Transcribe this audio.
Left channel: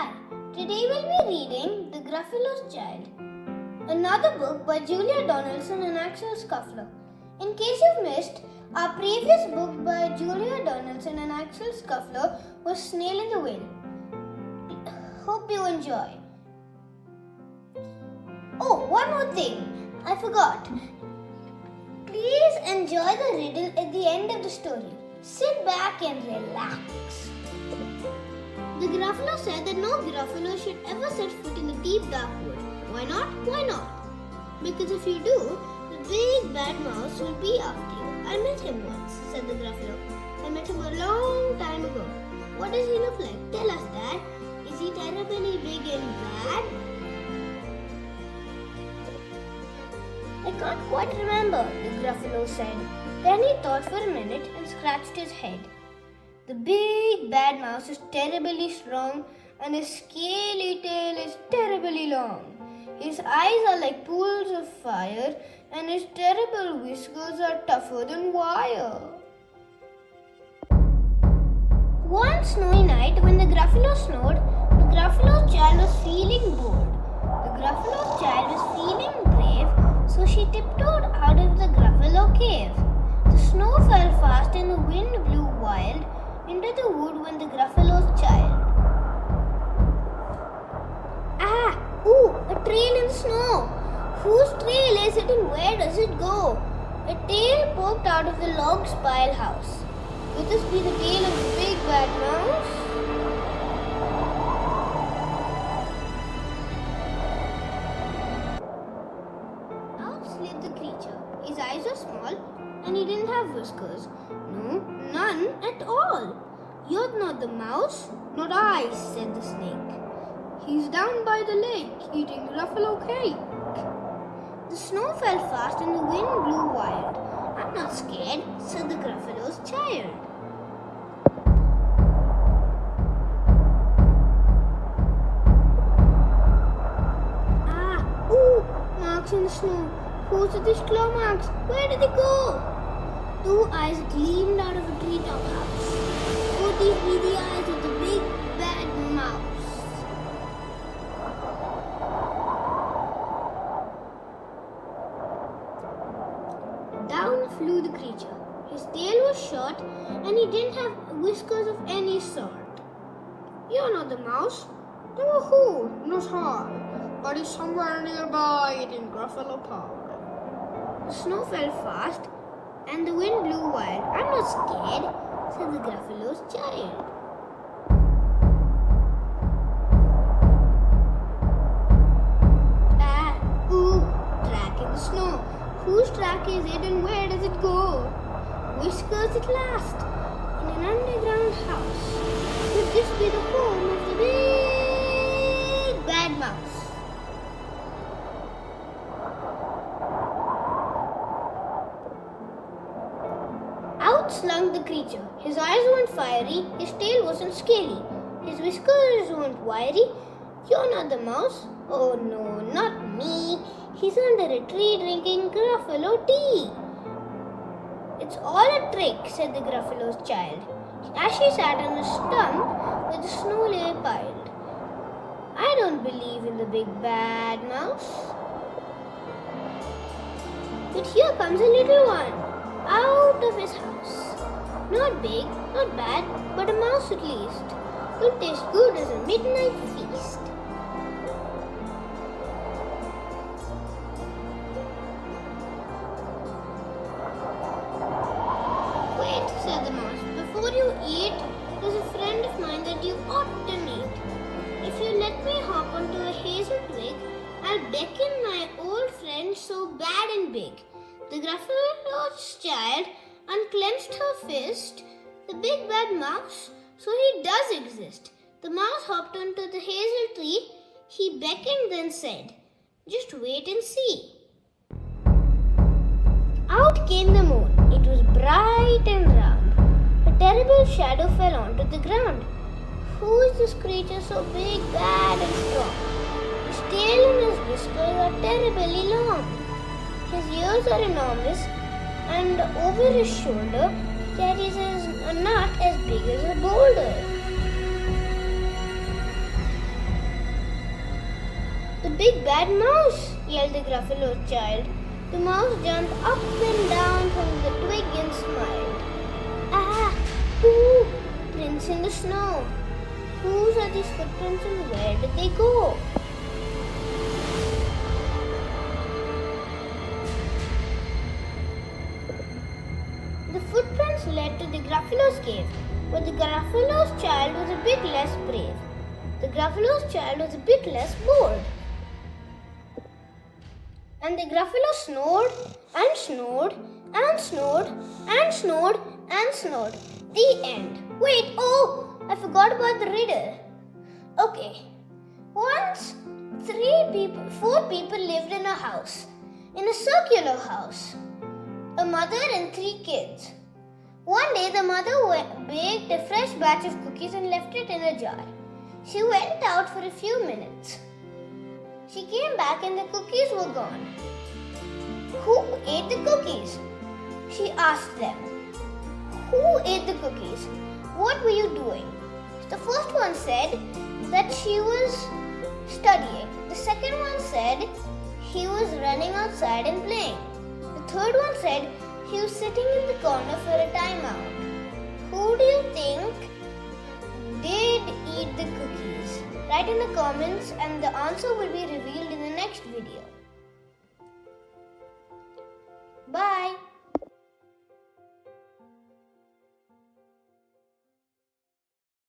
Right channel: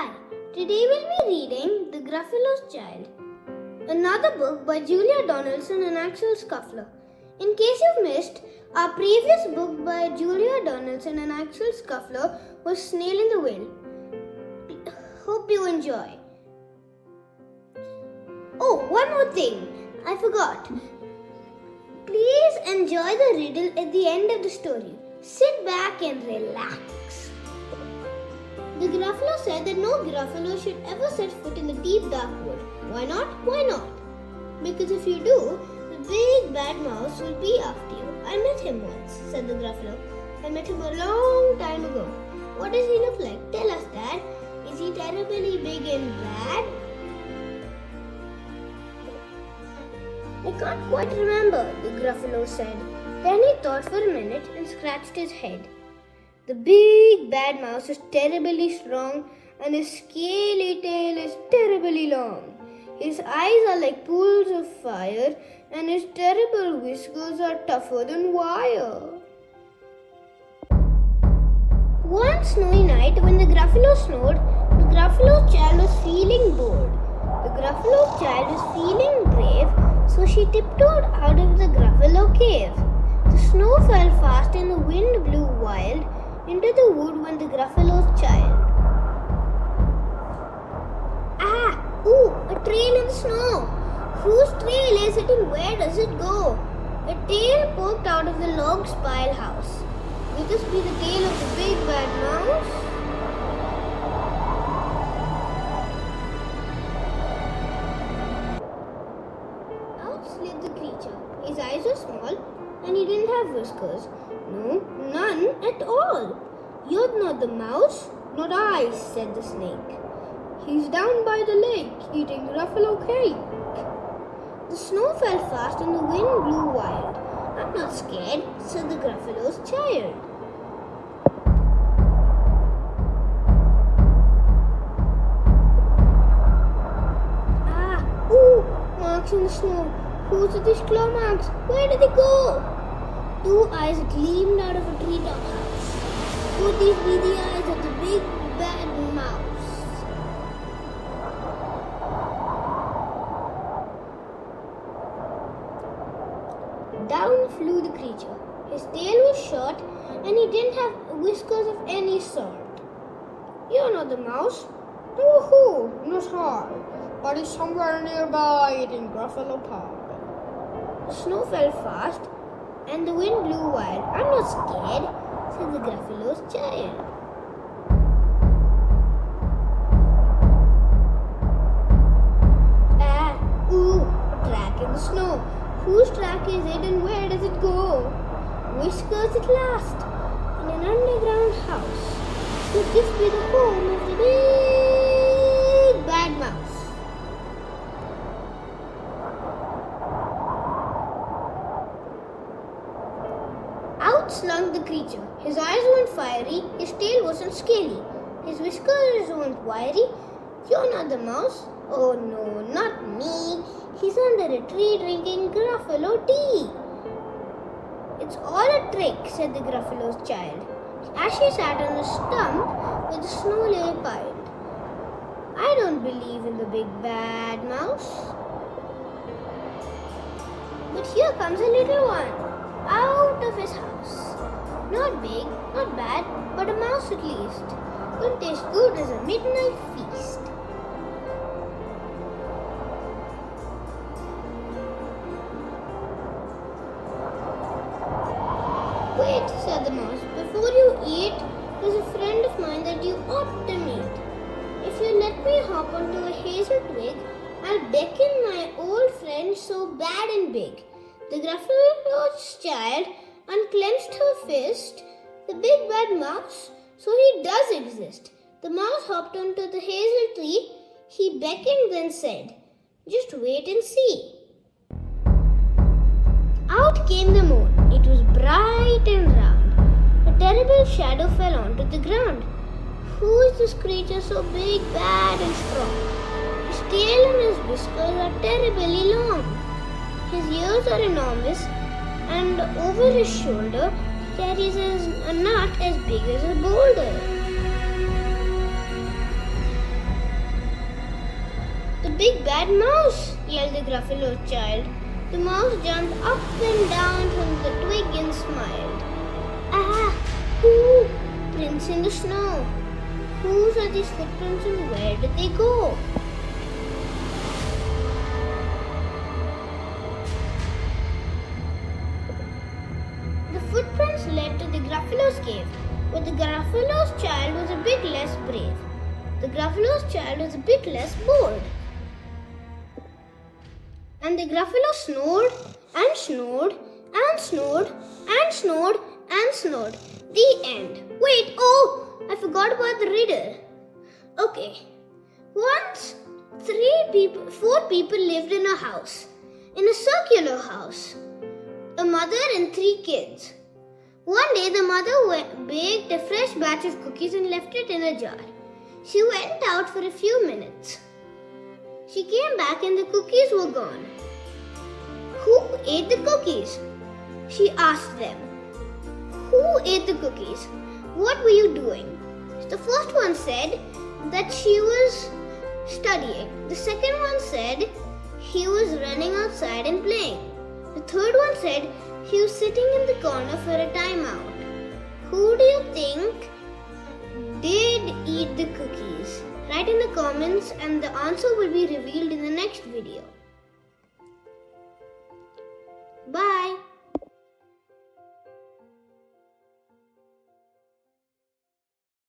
Hi, today we'll be reading The Gruffalo's Child, another book by Julia Donaldson and Axel Scheffler. In case you've missed, our previous book by Julia Donaldson and Axel Scheffler was Snail in the Wind. Hope you enjoy. Oh, one more thing, I forgot. Please enjoy the riddle at the end of the story. Sit back and relax. The Gruffalo said that no Gruffalo should ever set foot in the deep dark wood. Why not? Why not? Because if you do, the big bad mouse will be after you. I met him once, said the Gruffalo. I met him a long time ago. What does he look like? Tell us, Dad. Is he terribly big and bad? I can't quite remember, the Gruffalo said. Then he thought for a minute and scratched his head. The big bad mouse is terribly strong and his scaly tail is terribly long. His eyes are like pools of fire and his terrible whiskers are tougher than wire. One snowy night when the Gruffalo snored, the Gruffalo's child was feeling bored. The Gruffalo's child was feeling brave, so she tiptoed out of the Gruffalo cave. The snow fell fast and the wind blew wild into the wood when the Gruffalo's child. A trail in the snow. Whose trail is it and where does it go? A tail poked out of the log spile house. Could this be the tail of the big bad mouse? Out slid the creature. His eyes were small and he didn't have whiskers. No, none at all. You're not the mouse. Not I, said the snake. He's down by the lake eating Gruffalo cake. The snow fell fast and the wind blew wild. I'm not scared, said the Gruffalo's child. Marks in the snow. Whose are these claw marks? Where did they go? Two eyes gleamed out of a treetop house. Could these be the eyes of the big bad mouse? Down flew the creature. His tail was short and he didn't have whiskers of any sort. You're not the mouse. Woohoo! Not I. But he's somewhere nearby eating Gruffalo powder. The snow fell fast and the wind blew wild. I'm not scared, said the Gruffalo's child. A track in the snow. Whose track is it and where does it go? Whiskers at last, in an underground house. Could this be the home of the big bad mouse? Out slunk the creature. His eyes weren't fiery, his tail wasn't scaly, his whiskers weren't wiry. You're not the mouse? Oh no, not me. He's under a tree drinking Gruffalo tea. It's all a trick, said the Gruffalo's child, as she sat on a stump with the snow lay piled. I don't believe in the big bad mouse. But here comes a little one, out of his house. Not big, not bad, but a mouse at least. Will taste good as a midnight feast. Wait, said the mouse, before you eat, there's a friend of mine that you ought to meet. If you let me hop onto a hazel twig, I'll beckon my old friend so bad and big. The Gruffalo's child unclenched her fist. The big bad mouse, so he does exist. The mouse hopped onto the hazel tree. He beckoned then said, just wait and see. Out came the moon. It was bright and round. A terrible shadow fell onto the ground. Who is this creature so big, bad and strong? His tail and his whiskers are terribly long. His ears are enormous and over his shoulder carries a nut as big as a boulder. The big bad mouse, yelled the Gruffalo's child. The mouse jumped up and down from the twig and smiled. Ah! Ooh! Prints in the snow. Whose are these footprints and where did they go? The footprints led to the Gruffalo's cave, but the Gruffalo's child was a bit less brave. The Gruffalo's child was a bit less bold. And the Gruffalo snored and snored and snored and snored and snored. The end. Wait, I forgot about the riddle. Okay. Once, 4 people lived in a house, in a circular house. A mother and 3 kids. One day, the mother baked a fresh batch of cookies and left it in a jar. She went out for a few minutes. She came back and the cookies were gone. Who ate the cookies? She asked them. Who ate the cookies? What were you doing? The first one said that she was studying. The second one said he was running outside and playing. The third one said he was sitting in the corner for a timeout. Who do you think did eat the cookies? Write in the comments and the answer will be revealed in the next video. Bye.